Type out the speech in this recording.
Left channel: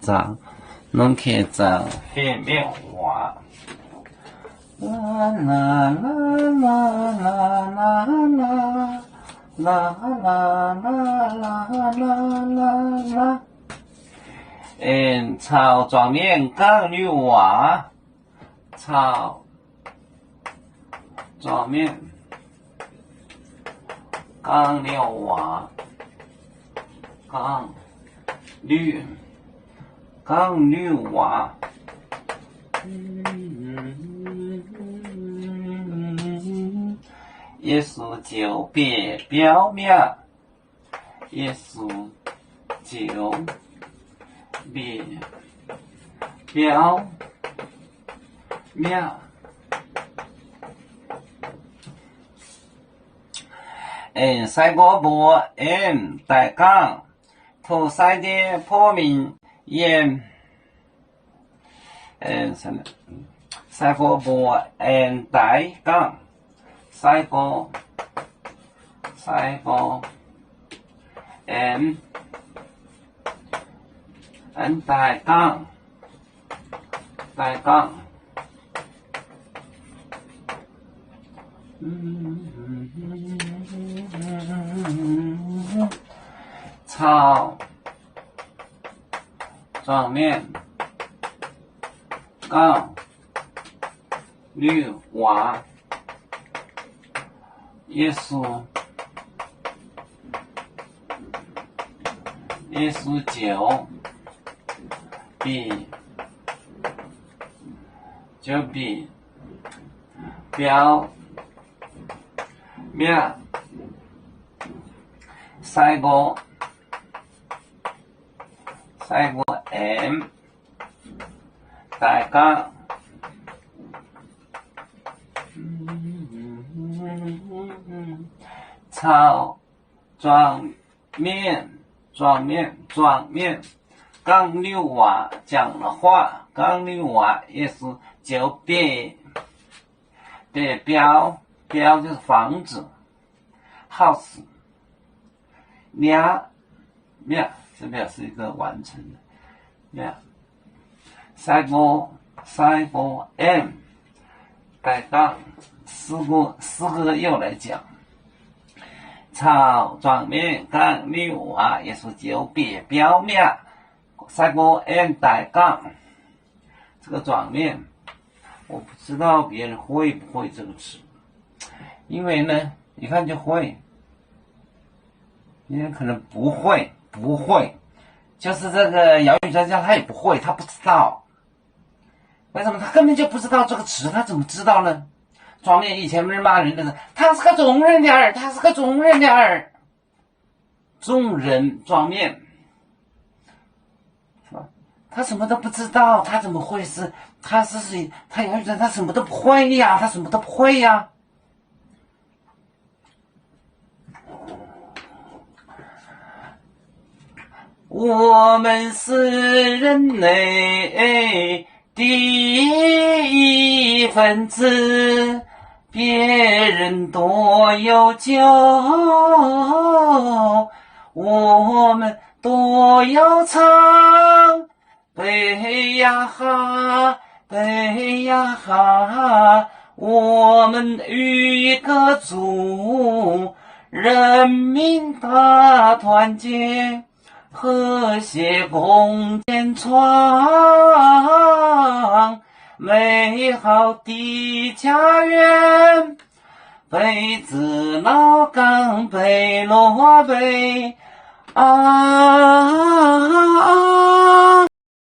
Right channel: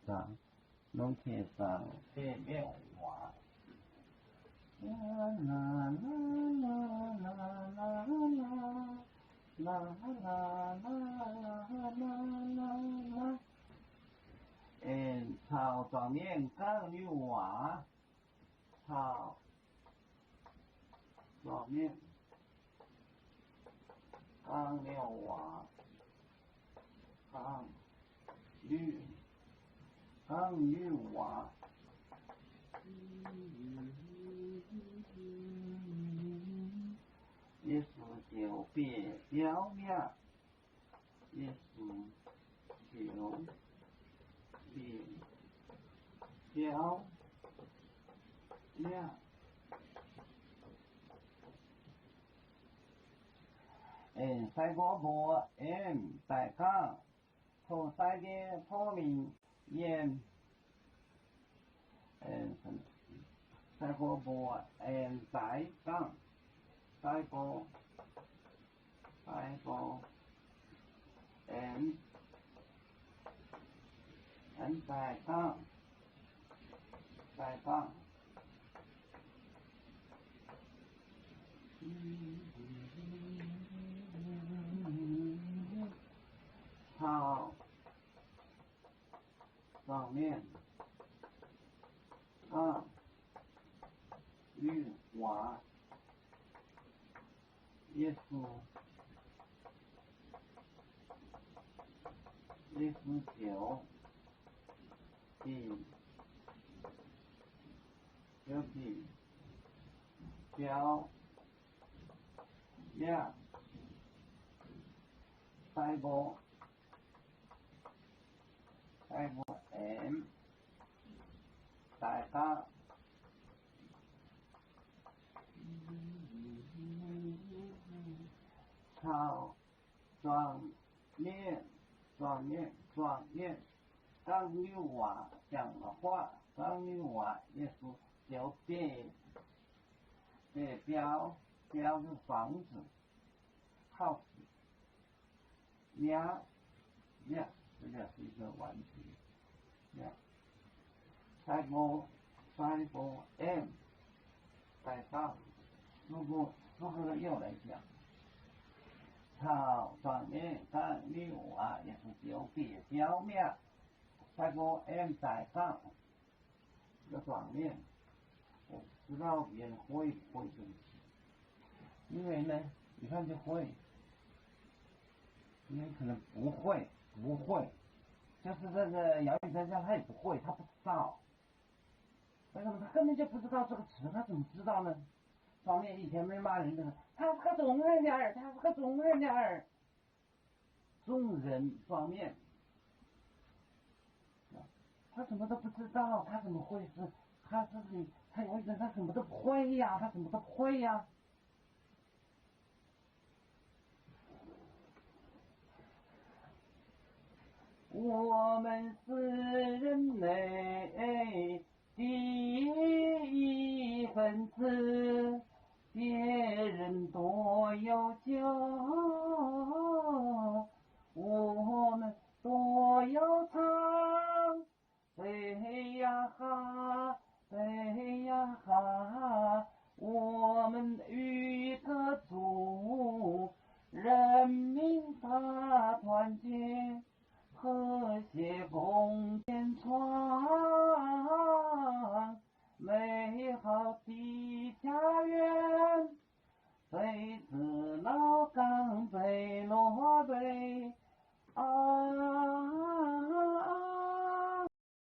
章，侬看章海绵花。啦啦啦啦啦啦啦啦啦啦啦啦。草状面刚女娃，草状面刚女娃，刚女娃。耶稣就别表面，耶稣就别表面。西国部大纲，土西的破民西国部大纲。西国大纲，草状面刚女娃。耶稣就比表面。西国大纲。草状面，刚女娃讲了话，刚女娃也是就别表就是房子 ，house， 面这表示一个完成的面。西国大纲，四个又来讲。草状面刚女娃也是就别表面，西国大纲。这个状面，我不知道别人会不会这个词，因为呢，一看就会，别人可能不会，就是这个姚宇专家他也不会，他不知道，为什么他根本就不知道这个词，他怎么知道呢？状面以前不是骂人的是，他是个中人的儿，中人状面，是吧？他什么都不知道，他怎么会是？他姚宇专他什么都不会呀，我们是人类的一份子，别人多有酒，我们多有唱，背呀哈，我们一个族，人民大团结，和谐共建创美好的家园。北子老岗北罗北啊。